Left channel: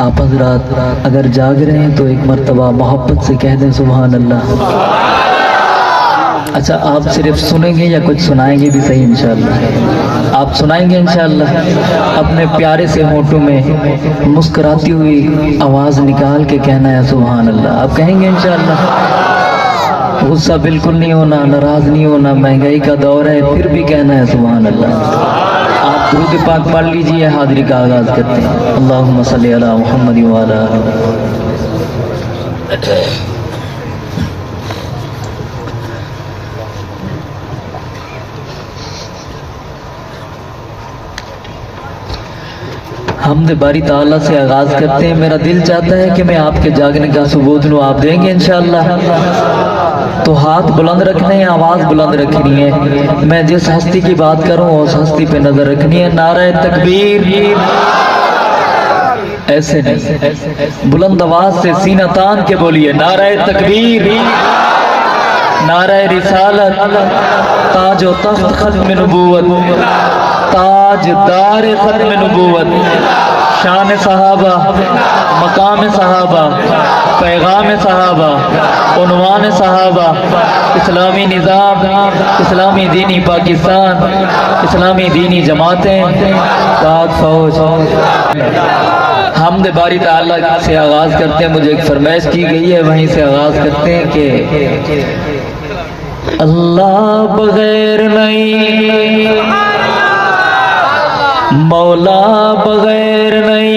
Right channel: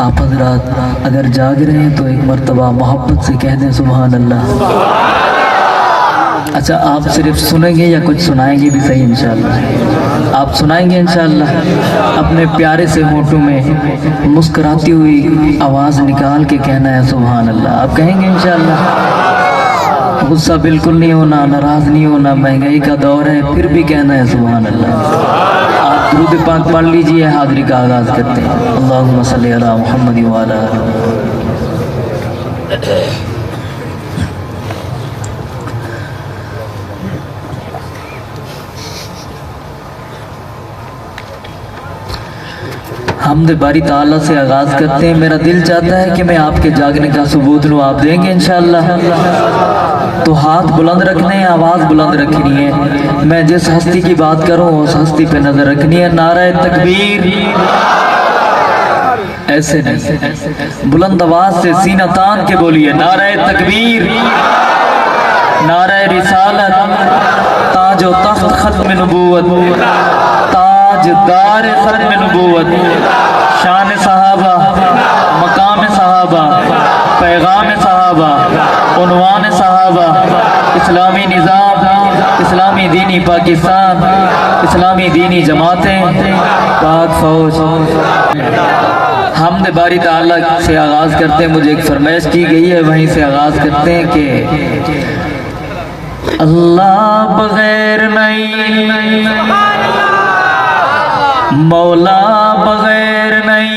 आप हजरात अगर जाग रहे हैं तो एक मर्तबा मोहब्बत से कह दें सुभान अल्लाह। अच्छा, आप सिर्फ सुनेंगे या कुछ सुनाएंगे भी सही इंशाअल्लाह? आप सुनाएंगे इंशाअल्लाह। अपने प्यारे से होठों में मुस्कुराती हुई आवाज़ निकाल के कहना है सुभान अल्लाह। आप कहेंगे इंशाअल्लाह। गुस्सा बिल्कुल नहीं होना, नाराज़ नहीं होना, महंगाई का दौर है फिर भी कहना है सुभान अल्लाह। आप दुरूद पाक पढ़ लीजिए, हाज़िरी का आगाज़ करते हैं। अल्लाहुम्मा सल्ली अला मुहम्मद व अला हमद बारी ताला से आगाज़ करते हैं। मेरा दिल चाहता है कि मैं आपके जागने का सबूत लूँ। आप देंगे इंशाअल्लाह? तो हाथ बुलंद रखने हैं, आवाज़ बुलंद रखनी है। मैं जिस हस्ती की बात करूँ उस हस्ती पे नज़र रखनी है। नारे तकबीर, ऐसे नहीं, बुलंद आवाज़ से सीना तान के बोलिए नारे तकबीर, नारे रिसालत, ताजो तख्त खत्म नबूवत, ताजदार खत्म नबूवत, शान सहाबा, मकाम सहाबा, पैगाम सहाबा, उन्वान सहाबा, इस्लामी निज़ाम, इस्लामी दीनी पाकिस्तान, इस्लामी दीनी जमातें, पाक फौज। हमद बारी ताला से आगाज़ करते हैं। मुझे एक फरमाइश की गई है, वहीं से आगाज़ करते हैं कि अल्लाह बगैर नहीं, मौला बगैर नहीं,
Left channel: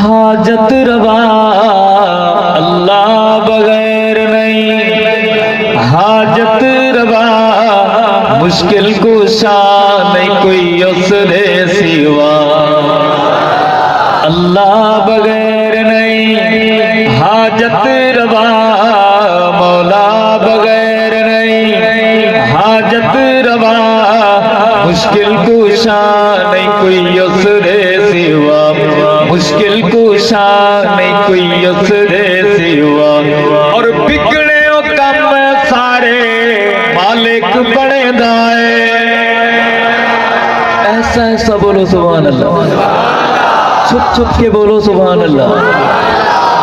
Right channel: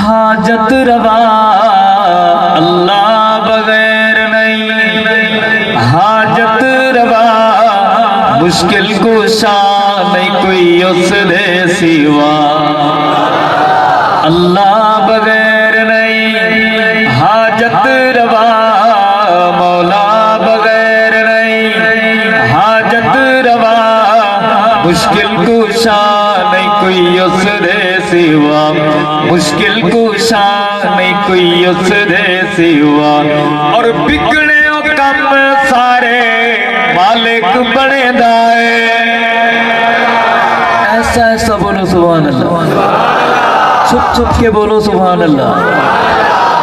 हाजत रवा। अल्लाह बगैर नहीं, हाजत रवा, मुश्किल कुशा नहीं कोई उसने सिवा। अल्लाह बगैर नहीं, हाजत रवा, मौला बगैर नहीं, हाजत रवा, मुश्किल कुशा नहीं कोई उसने सिवा, मुश्किल कुशा नहीं कोई उसने सिवा। और बिगड़े कम सारे मालिक बने दाए। ऐसा ऐसा बोलो सुभान अल्लाह, छुप छुप के बोलो सुभान अल्लाह,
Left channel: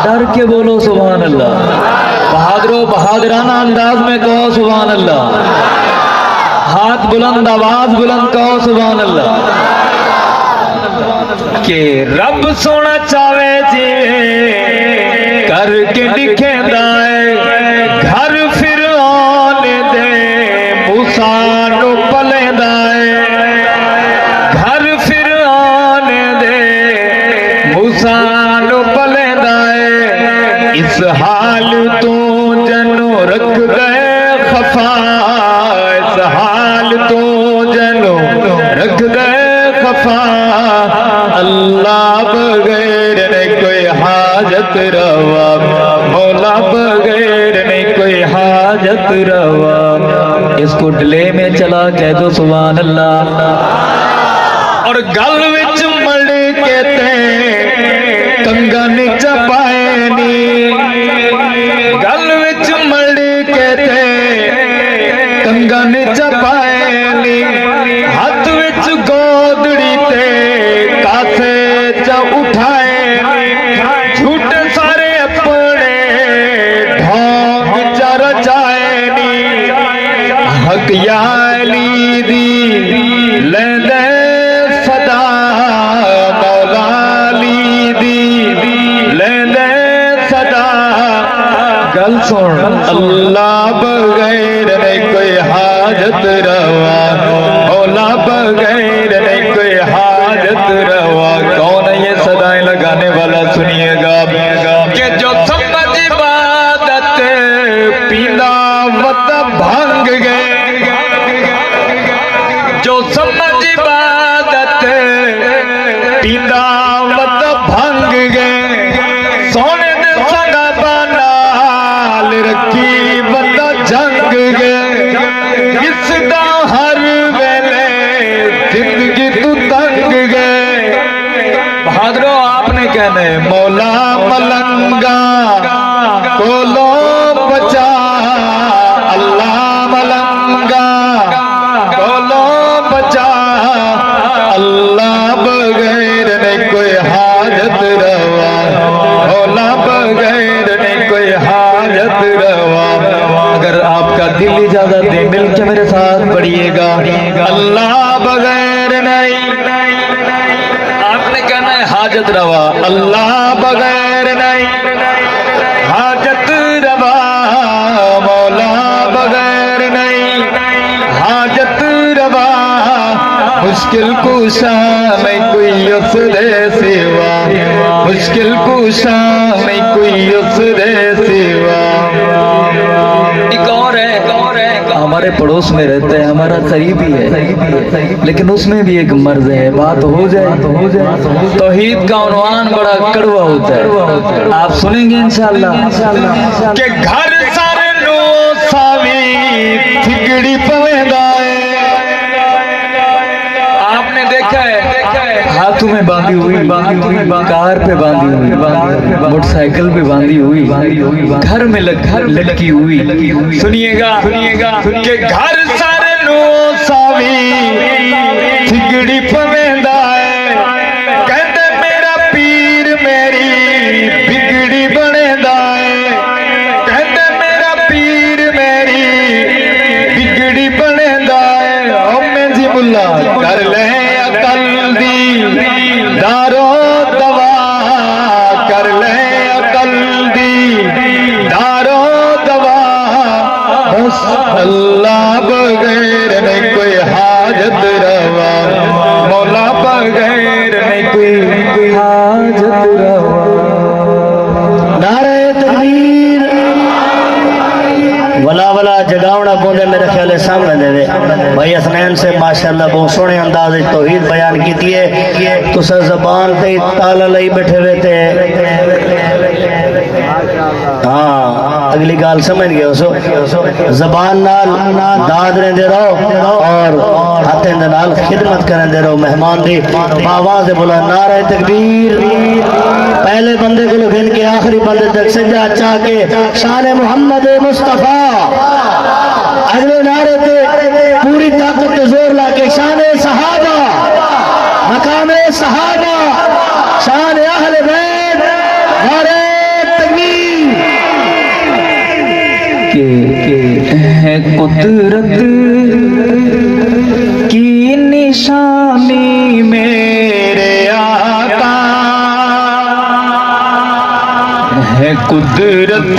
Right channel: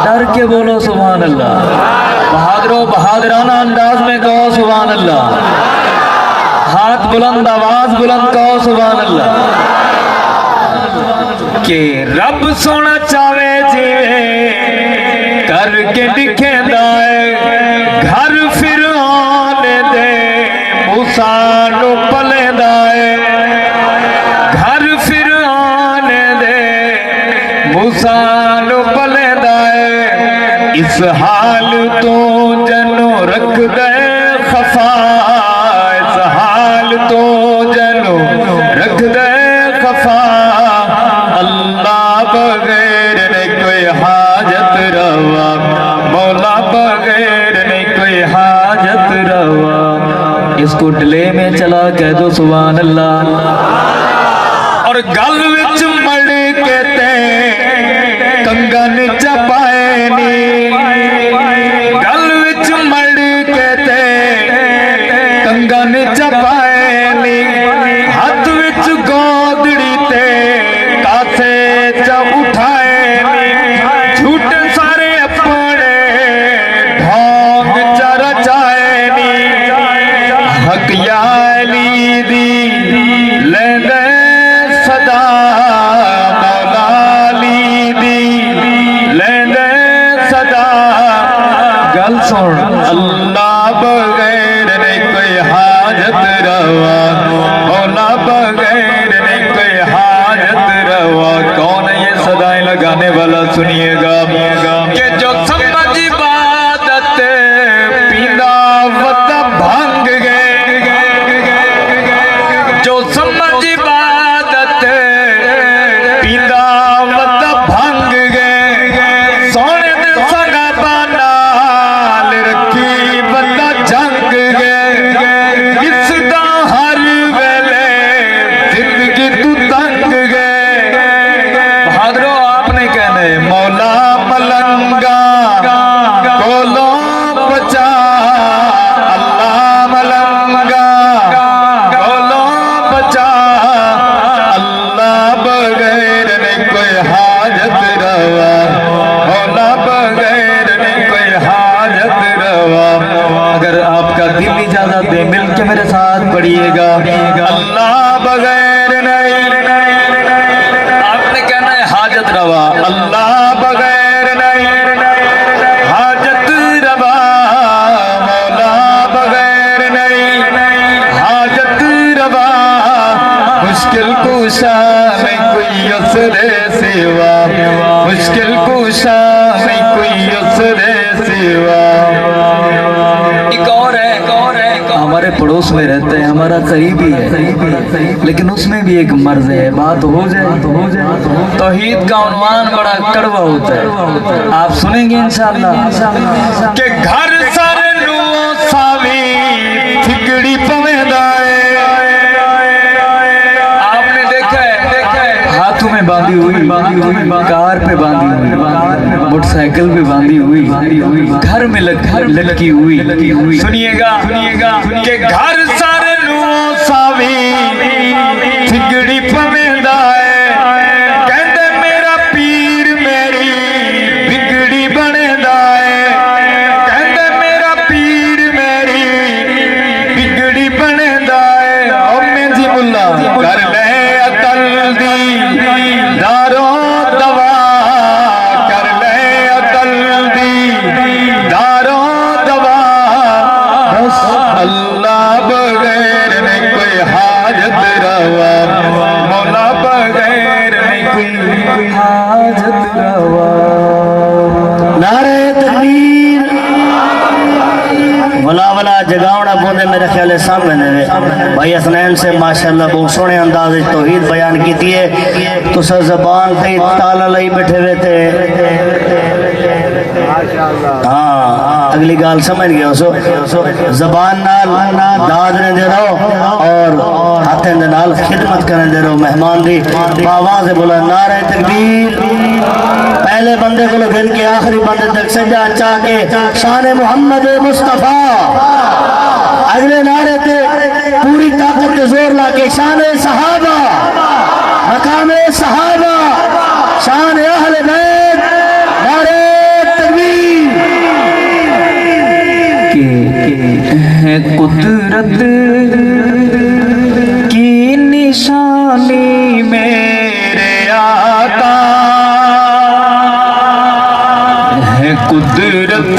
डर के बोलो सुभान अल्लाह, बहादुरों बहादुराना अंदाज में कहो सुभान अल्लाह, हाथ बुलंद आवाज बुलंद कहो सुभान अल्लाह। के रब सोना चावे जीवे करके दिखे दाए, घर फिर आने दे मूसा नु पले दाए, घर फिर आने दे मूसा नु पले दाए। इस हाल तो जनो रख दे खफा, इस हाल तो जनो रख दे खफा। अल्लाह बगैर नहीं कोई हाजत रवा, मौला बगैर नहीं कोई हाजत रवा। इसको डिले में चला कह दो सुभान अल्लाह। और गल विच मड़ के ते कंगा नीचा पाए नी, गल विच मड़ के ते कंगा नीचा पाए नी, हाथ विच गोदड़ी ते कासे च उठाए नी, झूठ सारे अपने ढोंग च रचाए नी। हक याली दी लेंदे सदा, मौलाली दी लेंदे सदा। गल सुन, अल्लाह बगैर नहीं कोई हाजत रवा, मौला बगैर नहीं कोई हाजत रवा। कौन है ये सदाएं लगाने वाला? सुनिएगा कि जो समझ इबादत पीना वत भांग गए, जो समझ इबादत पीना वत भांग गए, सोने ने संगा बनाल रखी बंदा जंग गए। इसदा हर वेले जिंदगी तू तंग गए। बहादुरों आपने कहने मौला मलंगा कोलो बचा, अल्लाह मलंगा कोलो बचा। अल्लाह बगैर नहीं कोई हाजत हाजत रवा अल्लाह बगैर नहीं, हाजत रवा मौला बगैर नहीं, हाजत रवा मुश्किल कुशा नहीं कोई उसरे सिवा, मुश्किल कुशा नहीं कोई उसरे सिवा। एक और है हमारे पड़ोस में रहते हैं, हमारा करीबी है, लेकिन उसमें भी एक मर्ज है, बात हो जाए तो हो जाए। तौहीद का उन्वान बड़ा कड़वा होता है, आप सुनेंगे इंशाअल्लाह कि घर सारे नो सावी ठिकड़ी पवेंदा है। आपने देखा है हाथों में बांधी हुई, कार पे बांधी हुई, मोटरसाइकिल पे बांधी हुई, घर में लटकी हुई। सुनिएगा कि घर सारे नो सावी ठिकड़ी पवेंदा है, कहते मेरा पीर मेरी बिगड़ी बनेदा है, कहते मेरा पीर मेरी बिगड़ी बनेदा है। ओ मैं जी मुल्ला कर ले अकल दी दारो दवा, कर ले अकल दी दारो दवा, बस अल्लाह बगैर नहीं कोई हाजत रवा, मौला बगैर नहीं कोई हाजत रवा। नारे तकबीर, वला वला जगावना पौंदे मेरे ख्याल है सामने देवे। भाई हसनैन से माशाअल्लाह बहुत सोहने अंदाज तौहीद बयान की है। तुसा जबान पे ताला लाई बैठे हुए थे। हाँ अगली गाल समझ गया सो, जबान नाल दाद दे रहो और हथे नाल खिदमत करने दे रहो मेहमान दी। बाबा से बोला नारे तकबीर, पहले बंदे को गिन के आखिरी बंदे तक सजा चाह के शान मोहम्मद मुस्तफा, अगले नारे पे पूरी ताकत जोर ला के शान सहाबा, मकाम सहाबा, शान अहले बैत, नारे तकबीर। के है कुदरत की निशानी मेरे आका, है कुदरत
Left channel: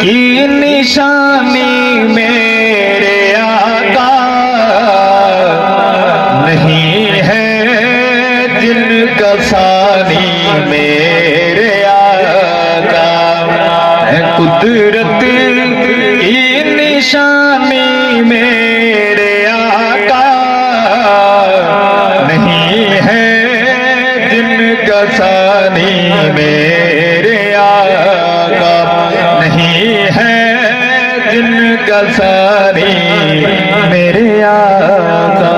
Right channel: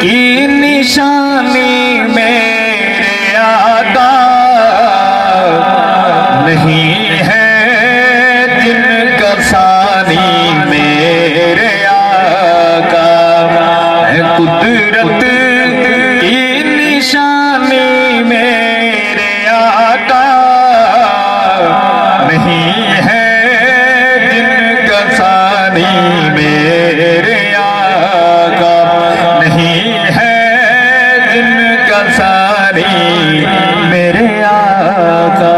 की निशानी मेरे आका, नहीं है जिनका सानी मेरे आका, है कुदरत की निशानी मेरे आका, नहीं है जिनका सानी मेरे आका, नहीं है जिनका सानी मेरे आका,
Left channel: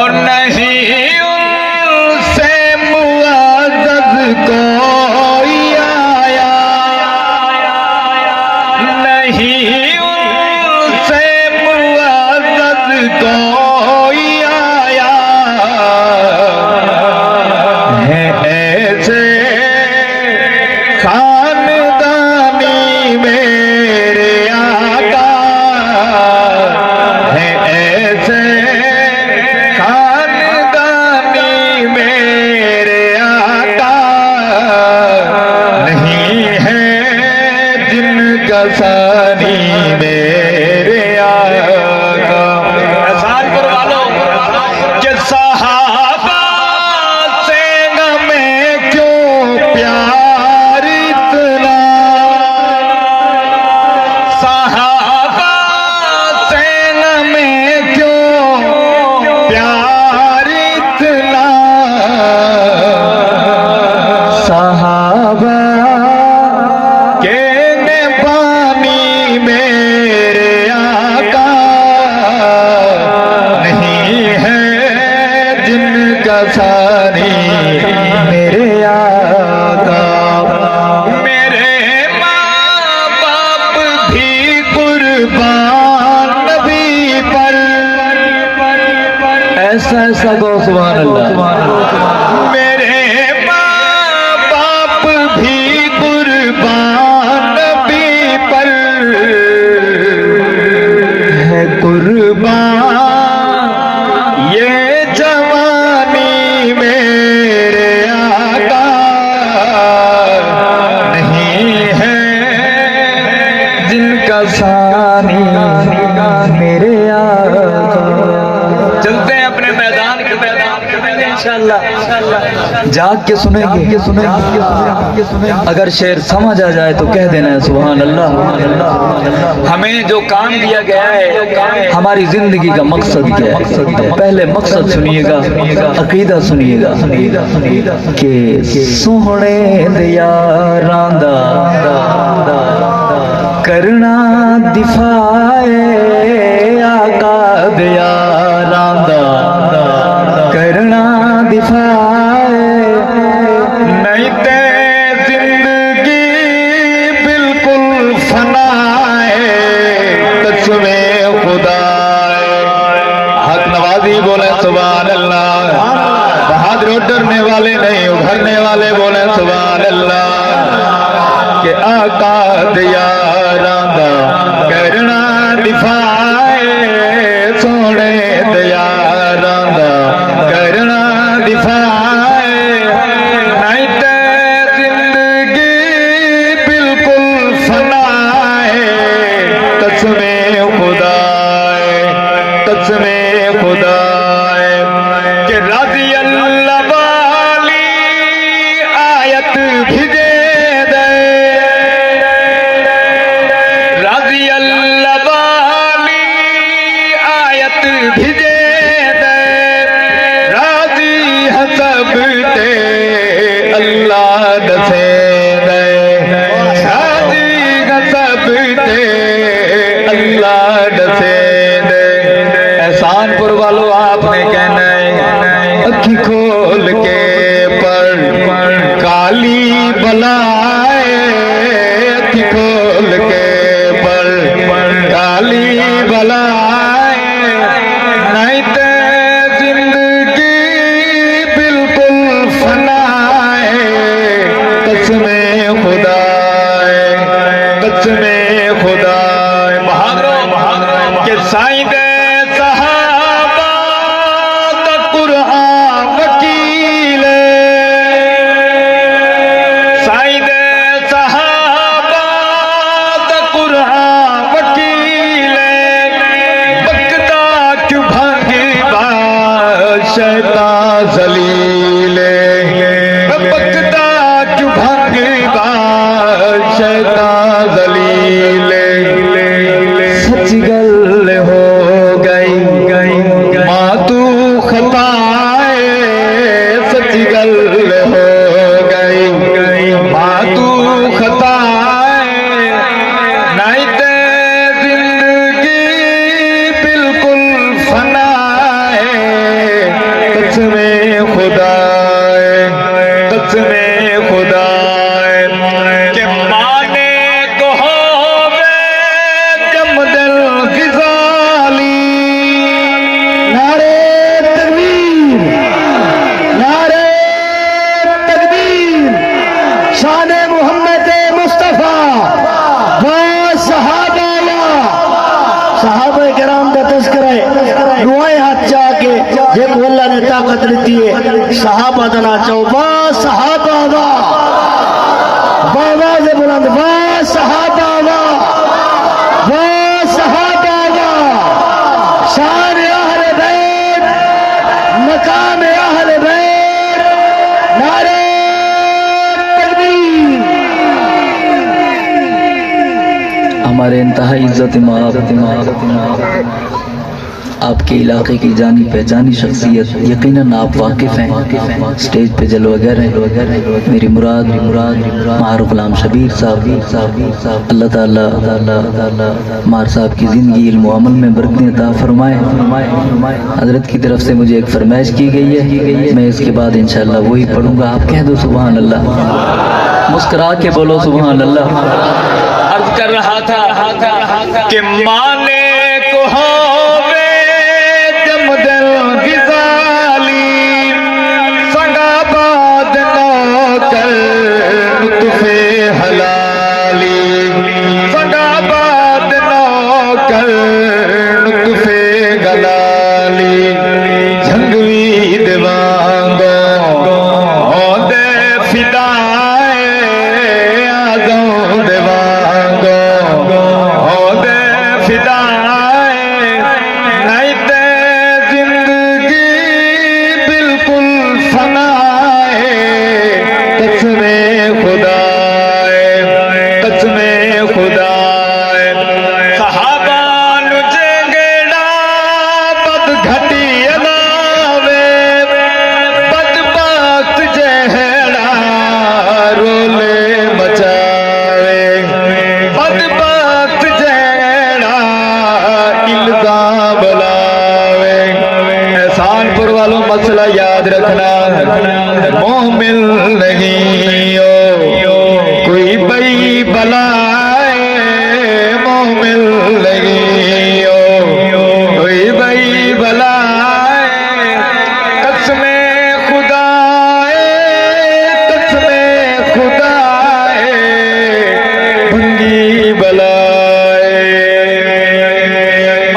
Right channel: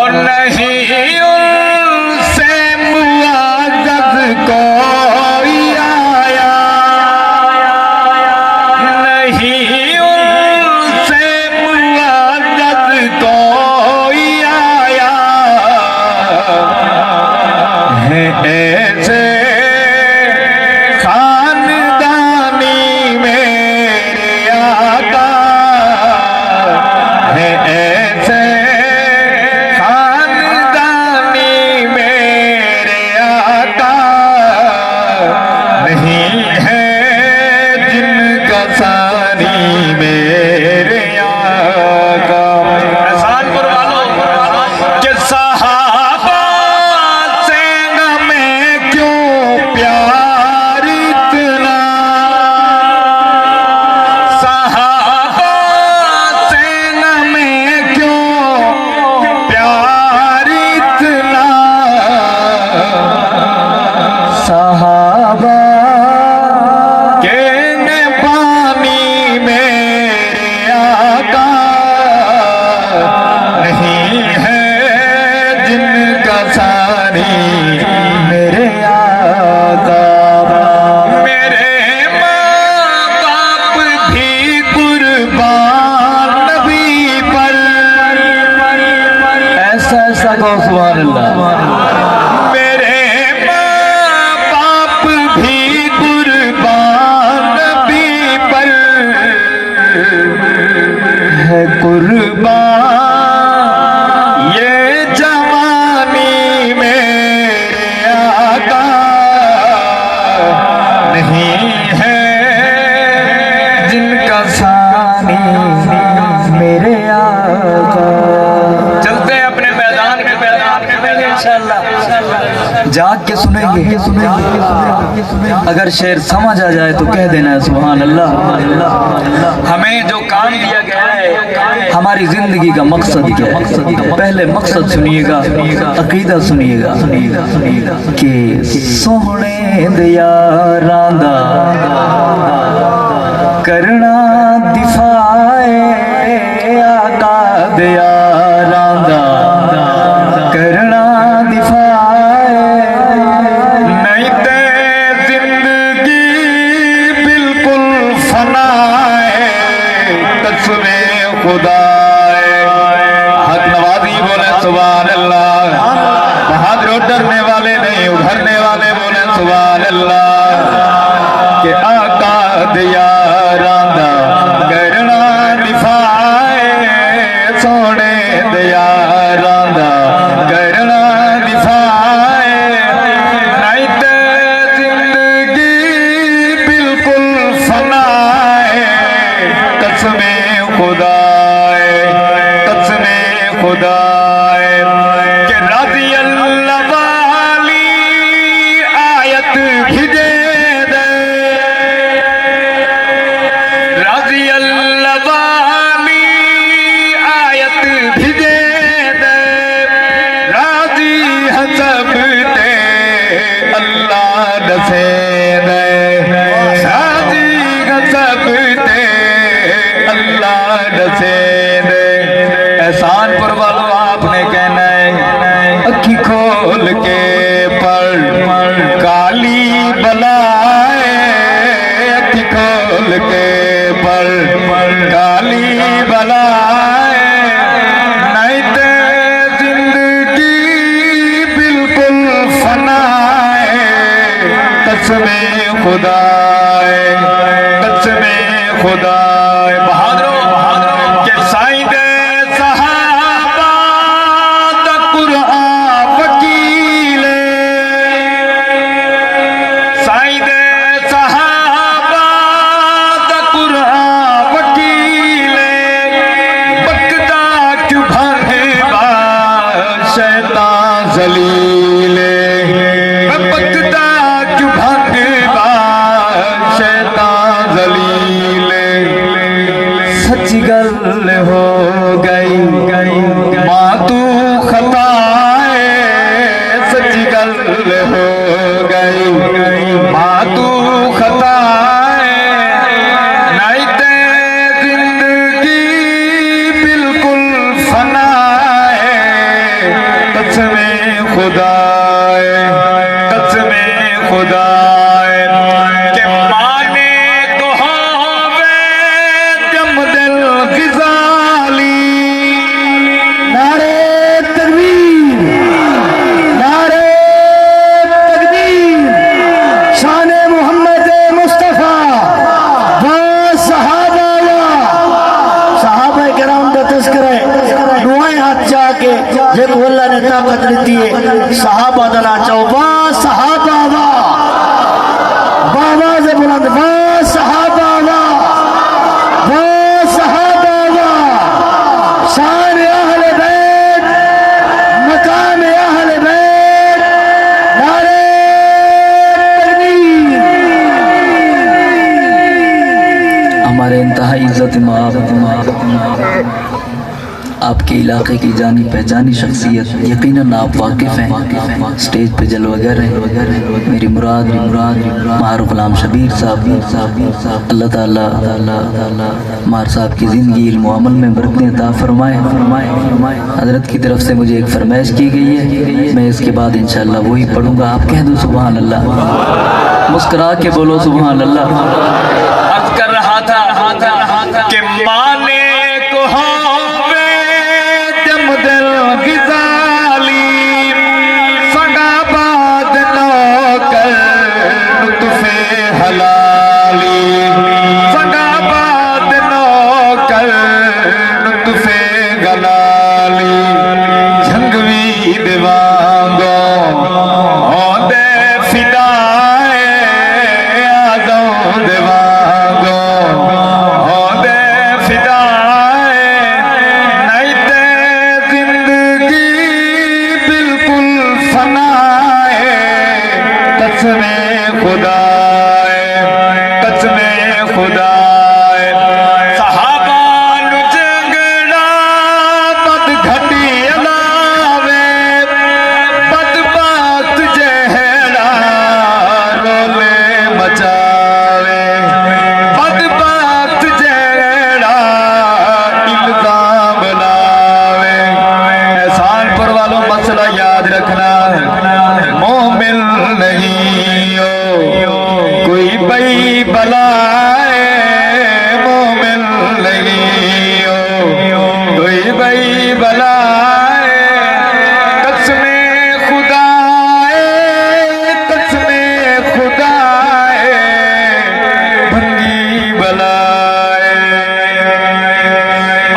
और नहीं उनसे मुआज़्ज़ज़ कोई आया, नहीं उनसे मुआज़्ज़ज़ कोई आया, है ऐसे खानदानी मेरे आका, है ऐसे खानदानी मेरे आका, नहीं है जिनका सानी मेरे आका। एहसान करवा लो कि सहाबा से हमें क्यों प्यार इतना, सहाबा से हमें क्यों प्यार इतना, सहाबा के ने पानी मेरे आका, नहीं है जिनका सानी मेरे आका। मेरे माँ बाप भी कुर्बान नबी पर, ऐसा ऐसा कहो सुभान अल्लाह। मेरे माँ बाप भी कुर्बान नबी पर, है कुर्बान ये जवानी में जाग के सुनेंगे अगर शेर समझ आ जाए तो कह देना है सुभान अल्लाह। हमें जो काम दिया गया है हमारी जिंदगी का मकसद क्या है, पहले मकसद सुनिएगा, अकीदा सुनिएगा कि सोहने दिया रांदा करना दिफाए आका दिया रांदा करना दिफाए नहीं ते जिंदगी बिल्कुल फनाए कसमे खुदा हक नवाजी बोले सुभान अल्लाह। बहादुर डरने वाले नहीं उभरने वाले बोले सुभान अल्लाह। के आका दिया रांदा करना दिफाए सोने दिया रांदा करना दिफाए नहीं ते जिंदगी बिल्कुल फनाए कसमे खुदाए कसमे खुदाए के राजी अल्लाह वाली आयत भिजे राजी अल्लाह वाली आयत भिजे दे राजी हसब ते अल्लाह दसे दे राजी हसब ते अल्लाह दसे दे। एहसानपुर वालों आपने कहना है अखी खोल के पढ़ काली बलाए अखी खोल के काली बलाए नहीं ते जिंदगी बिल्कुल फनाए कसमे खुदाए कसमे खुदाए। बहादुर के साईं दे सहाबा दा कुरान वकील साईं दे सहाबा दा कुरान वकील बकदा क्यों भांगेगा शैतान जलील बकदा क्यों भांगेगा शैतान जलील। सच गल हो गई माँ तू खताए सच गल हो गई माँ तू खताए नहीं ते जिंदगी बिल्कुल फनाए कसमे खुदाए कसमे खुदाए के माने को होवे जमदल गिजाली नारे तकबीर नारे तकबीर शान मोहम्मद मुस्तफा वा सहाबा किराम का तस्करे दुआएं हाथ जाके देखो अल्लाह ने ताकत दी है सहाबा दना चो वा सहाबा वा बाबा से बुलंद वा सहाबा वा सहाबा वा शान अहले बैत मकाम अहले बैत नारे तकबीर। हमारे इंतहाई इज्जत आपके इलाके की जानी पहचानी शख्सियत यकीनन आप वाकिफ हैं। स्टेज पे जलवागर हैं मेरी मुराद मार गुलाम शबीर साहब अल्लाह ताला मार साहब की ज़िंदगी इल्म व अमल में बरकतें अता फरमाए। हजरत की तरफ से मुझे एक फरमाइश की गई है, मैं इसके बाद इंशाअल्लाह वही पढ़ूंगा। आप कह दो सुभान अल्लाह, मुस्कुरा के बोलो सुभान अल्लाह। अर्ज कर रहा था कि माने को होवे जमदल गिजाली संगा बाद नौकर तुफे हलाली संगा बाद नौकर तुफे गलाली झंगवी दिवांगो ओंदे फिदाए आज़ों दिवांगो ओंदे फिदा मोमिन नहीं हो कोई बई बलाए मोमिन नहीं हो कोई बई बलाए कसमे खुदाए भंगी बलाए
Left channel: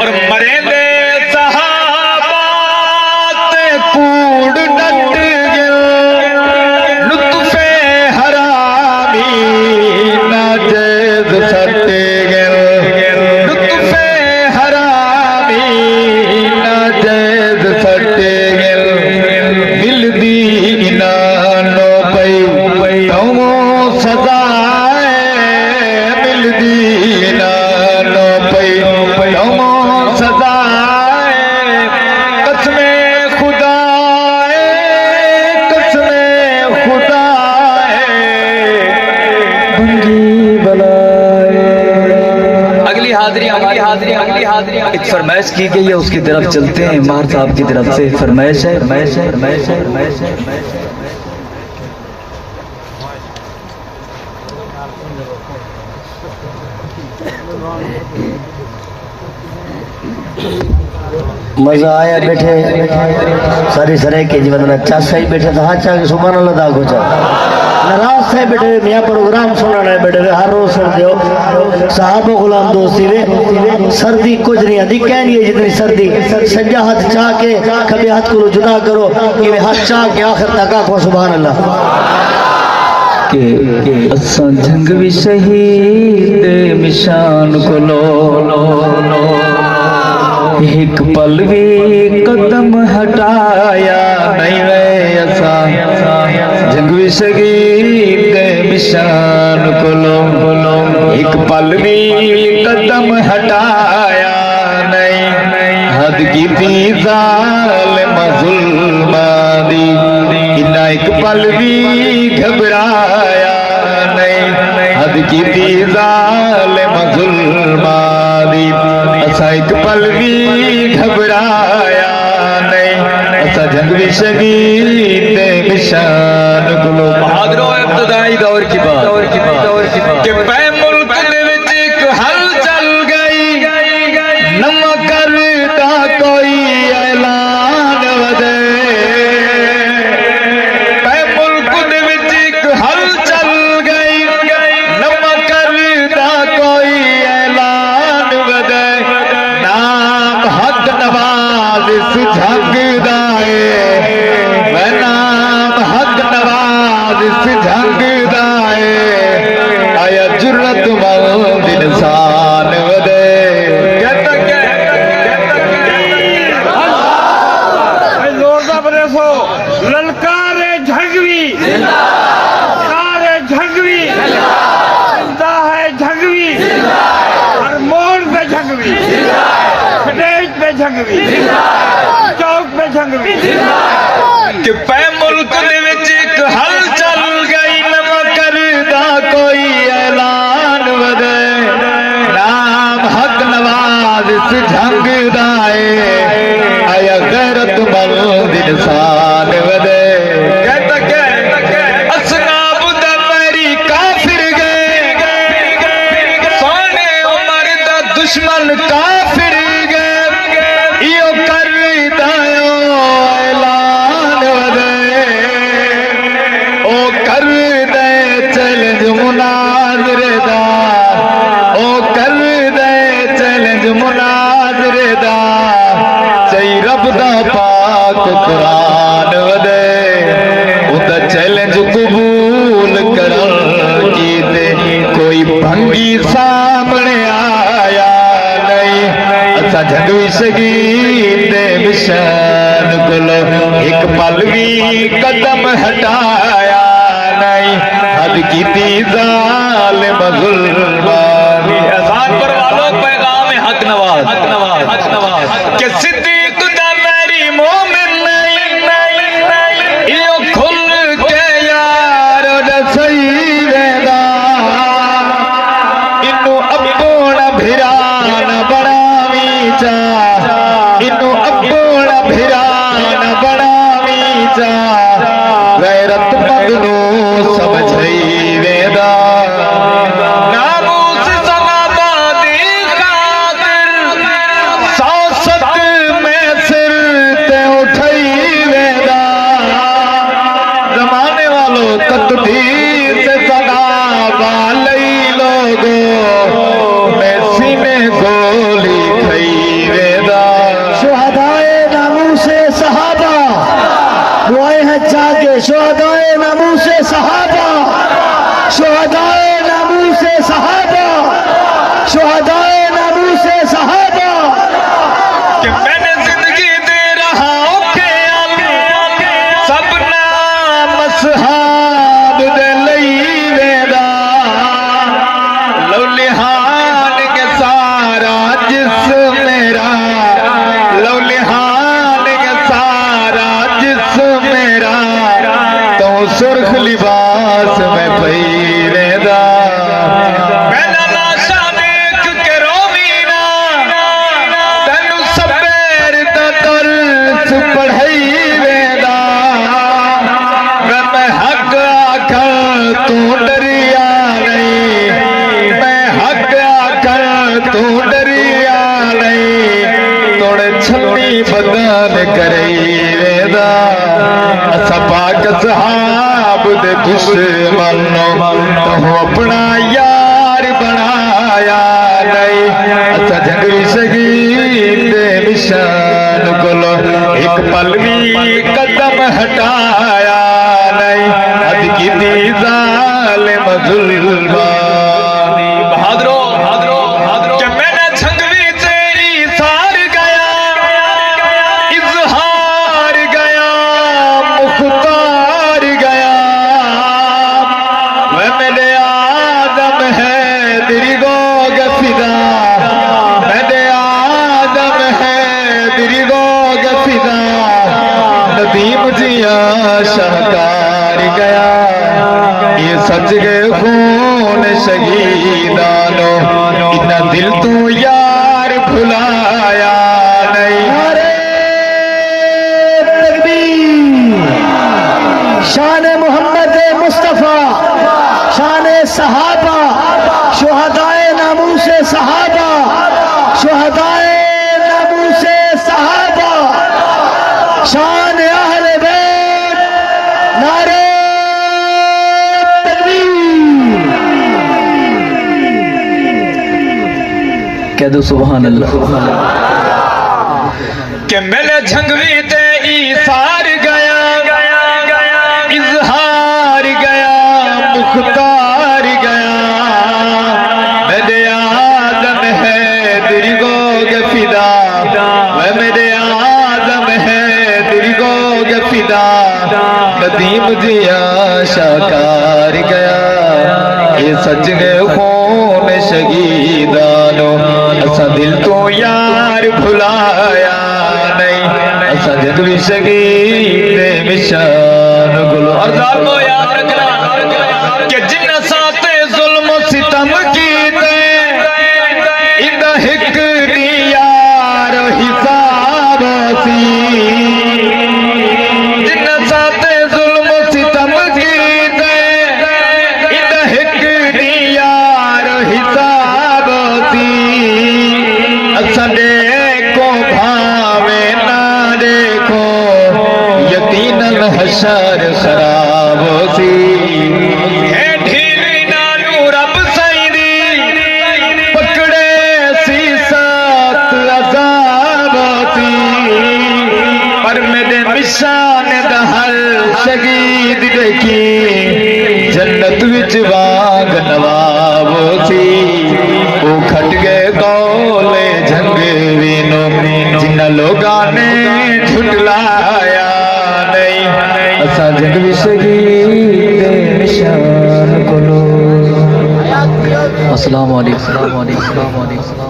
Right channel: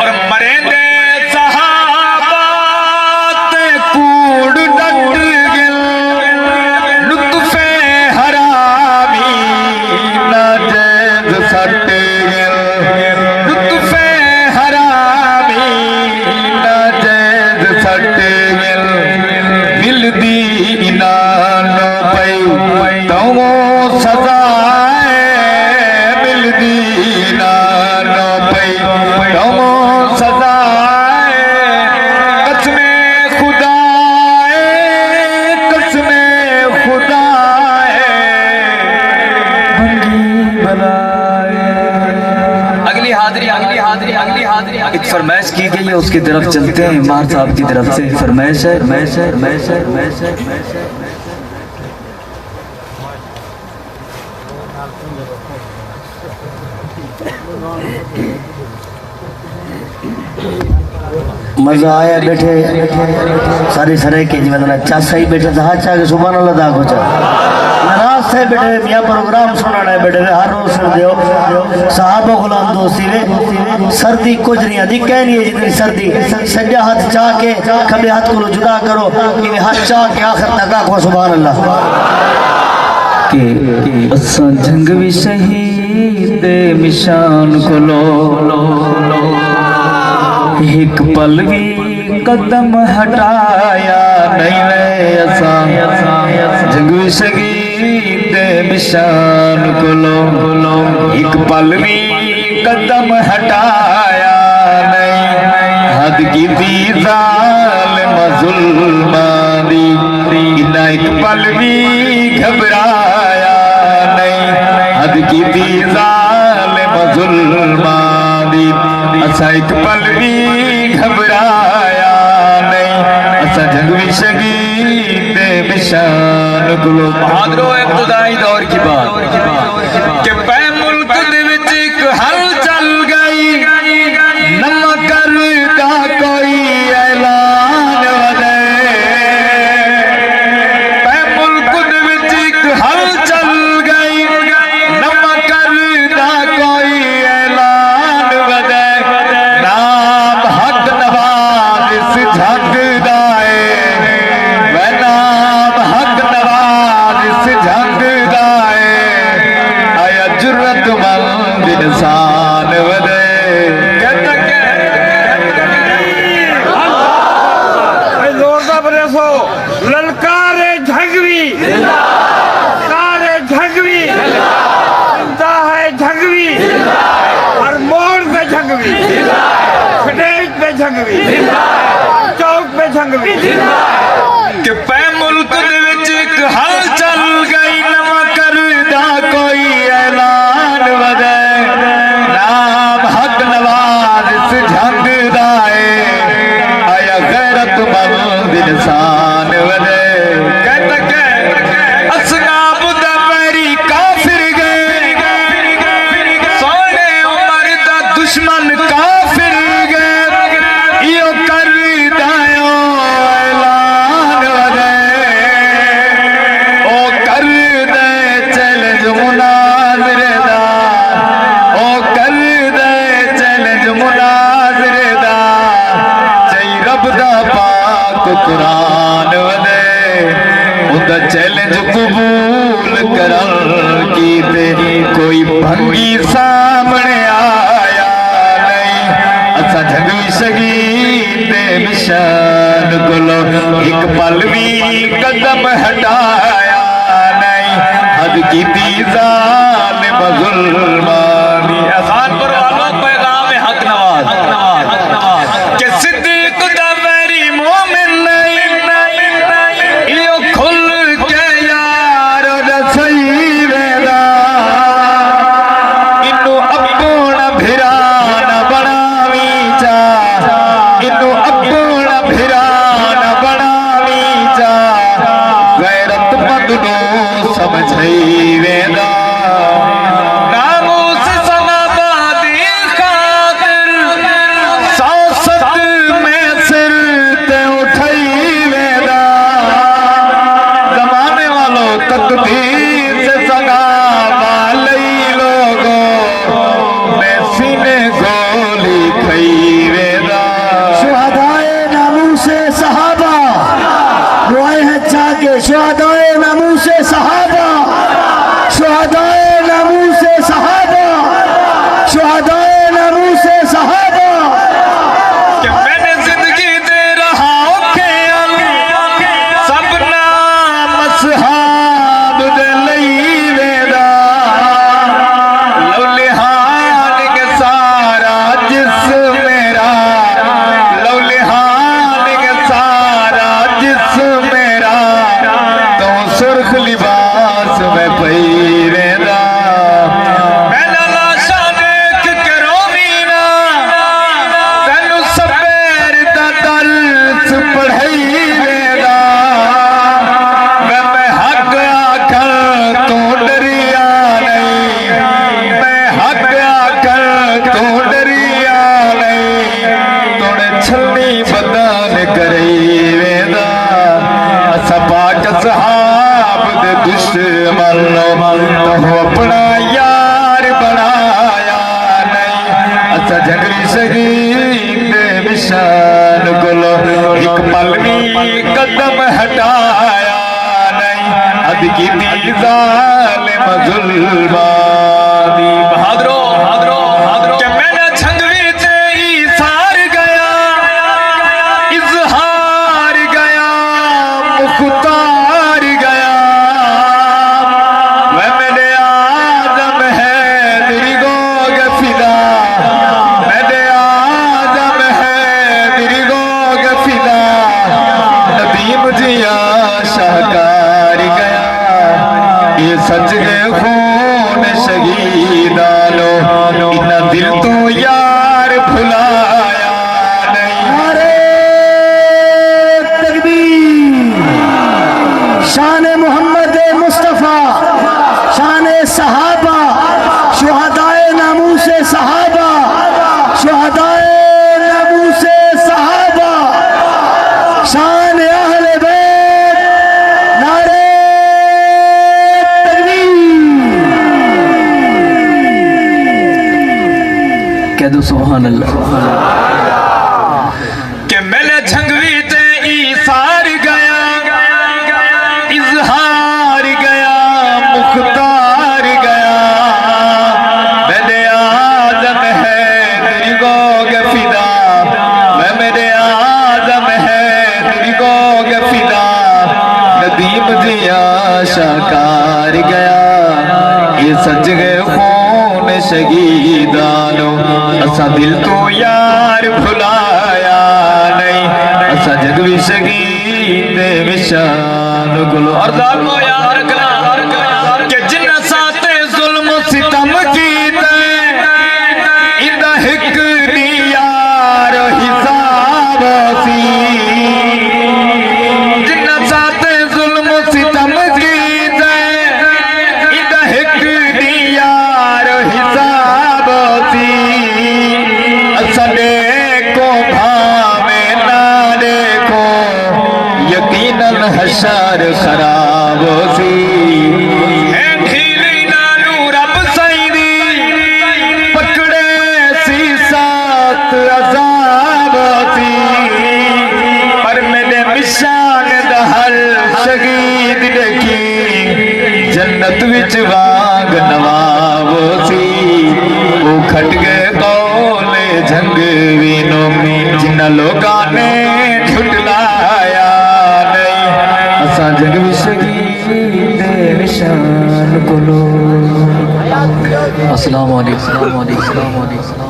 और मरे दे सहाबात कूड़ डट गया लुत्फे हरामी नाजेज सट गया लुत्फे हरामी नाजेज सट गया दिल दी इनानो पई तवो सजाए मिल दी इनानो पई तवो सजाए कसमे खुदाए भंगी बलाए। अगली हाजिरी एक फरमाइश की गई है, उसकी तरफ चलते हैं। इमाम साहब की तरफ से फरमाइश है। मजा आया बैठे सारी सराय के जीवन में अच्छा सही बैठे था अच्छा के सुबह अल्लाह दा कुछ नाराज से बैठे मियां प्रोग्राम सुनने बैठे हर रोज सुन दियो साहब गुलाम दोस्ती वे सर्दी कुछ नहीं आती कहनी है जितनी सर्दी सज्जा हाथ चाह के खबे हाथ को जुदा करो कि हाथ चाह के आखिर तक आखो सुभान अल्लाह के असां जंग भी शहीद मिशान को लो एक पल भी कदम हटाया नहीं वे असां जंग भी शहीद मिशान को लो एक पल भी कदम हटाया नहीं हद की थी ज़ालिम ज़ुल्मा दी इन्ना एक पल भी घबराया नहीं हद की थी ज़ालिम ज़ुल्मा दी असा एक पल भी घबराया नहीं असा जंग भी शहीद मिशान गुलो बहादरो इब्तदाई दौर की बात कि पै मुल्क दे विच एक हलचल गई नवा करदा कोई ऐलान वदे पै मुल्क दे विच एक हलचल गई नवा करदा कोई ऐलान वदे नाम हक नवाज इस झंगदा है वह नाम हक नवाज इस झंगदा है आया जुर्रत मंद इंसान वदे ललकारे झगवी सारे झगवी है झगवी हर मोड़ पे झगवी स्टेज पे झगवी चौक पे झगवी कि पै मुल्क दे विच एक हलचल गई नवा करदा कोई ऐलान वदे नाम हक नवाज इस झंगदा है आया गैरत मंद इंसान वदे असनाब दा मेरी काफिर गए सोने उमर दा दुश्मन काफिर गए इयो करदा ऐलान वदे ओ कर दे चैलेंज मुनाजरे दा ओ कर दे चैलेंज मुनाजरे दा चई रब दा पाक कुरान वदे उदा चैलेंज कबूल करन कीते कोई भंगी सामने आया नहीं असा जंग शहीद मिशान गुलो एक पल भी कदम हटाया नहीं हद की ज़ालिम ज़ुल्मा भी आसान पर आलो पैगाम हक नवाज कि सिद्दीक दा मेरी मोमिन नहीं इयो खुल के यार दसई वेंदा इन्नू अपना भिरान बनावी चा इन्नू अपना भिरान बनावी चा बचई वेदा नामूस समाबादी खातिर सौसत में सिर ते उठई वेदा जमाने वालों तकदीर से सगा वालई लोगो मैं सीने गोली खई वेदा शुहदाए नामूसे सहाबा दुआएं हैं जाके शुहदाए नामूसे सहाबा शुहदाए नामूसे सहाबा शुहदाए नामूसे सहाबा कि मैंने जिंदगी दे रहा हूं ख्याल सब नाम सहाब दे लई वेदा लौलिहान के सारा जिस्म मेरा लौलिहान के सारा जिस्म मेरा तो सुर्ख लिबास में पई वेदा पहला लाशा देख के रोवीना तेनु सबेर दा दर्स पढ़ाई वेदा मैं हक आखर तू डरिया नहीं मैं हक आखर तू डरिया नहीं तोड़े छन्नी बदन करई वेदा असा पाक सहाब दे दुश्मन तो अपना यार बनाया नहीं असा झगड़ी शहीद निशान गुलो एक पल भी कदम हटाया नहीं अद की दी जालिम जुल्मा बहादरो बहादरो बहादरो कि मैंने झंगवी तेरी सार गया इजहार गया मुख्तार गया वह मेरे आदम है तेरी गोग फिदा मेरे आदम है तेरी गोग फिदा नदीम जिया शाहकार गया ये सच गए खून शहीदानो इतना दिल तो यार भुलाया नहीं नारे तकबीर शान मोहम्मद मुस्तफ़ा शान सहाबा शुहदाए नामूसे सहाबा शुहदाए नामूसे सहाबा शान अहले बैत नारे तकबीर कह दो सुभान अल्लाह। कि मैंने झंगवी ते ईसार गया इजहार गया मुख्तार गया मेरे आदम है तेरी गोग फिदा मैं मेरे आदम है तेरी गोग फिदा नदीम जिया शाकार गया ये सच गए खून शहीदानो असा दिल तो यार भुलाया नहीं असा जग भी शहीद मिशान गुलो अर्ज़ान को याद रखना कि जिन साथे जुल्म सितम कीते इंद हिक दी यार हिसाब सी जिन साथे जुल्म सितम कीते इंद हिक दी यार हिसाब सी असा देखो भावे ना देखो यकीनन हशर खराब सी है ढीली नानू रब सईदी पकड़े सी सात अजाब सी पर मेरे मिशान दहल शहीद देखी जन्नत विच वांग नवाब सी वो खट गए कौले झंग वीनो जिन्ना लोगा ने झुटलाया नहीं असा जग भी शहीद निशान कोलो। अस्सलाम वालेकुम अस्सलाम वालेकुम।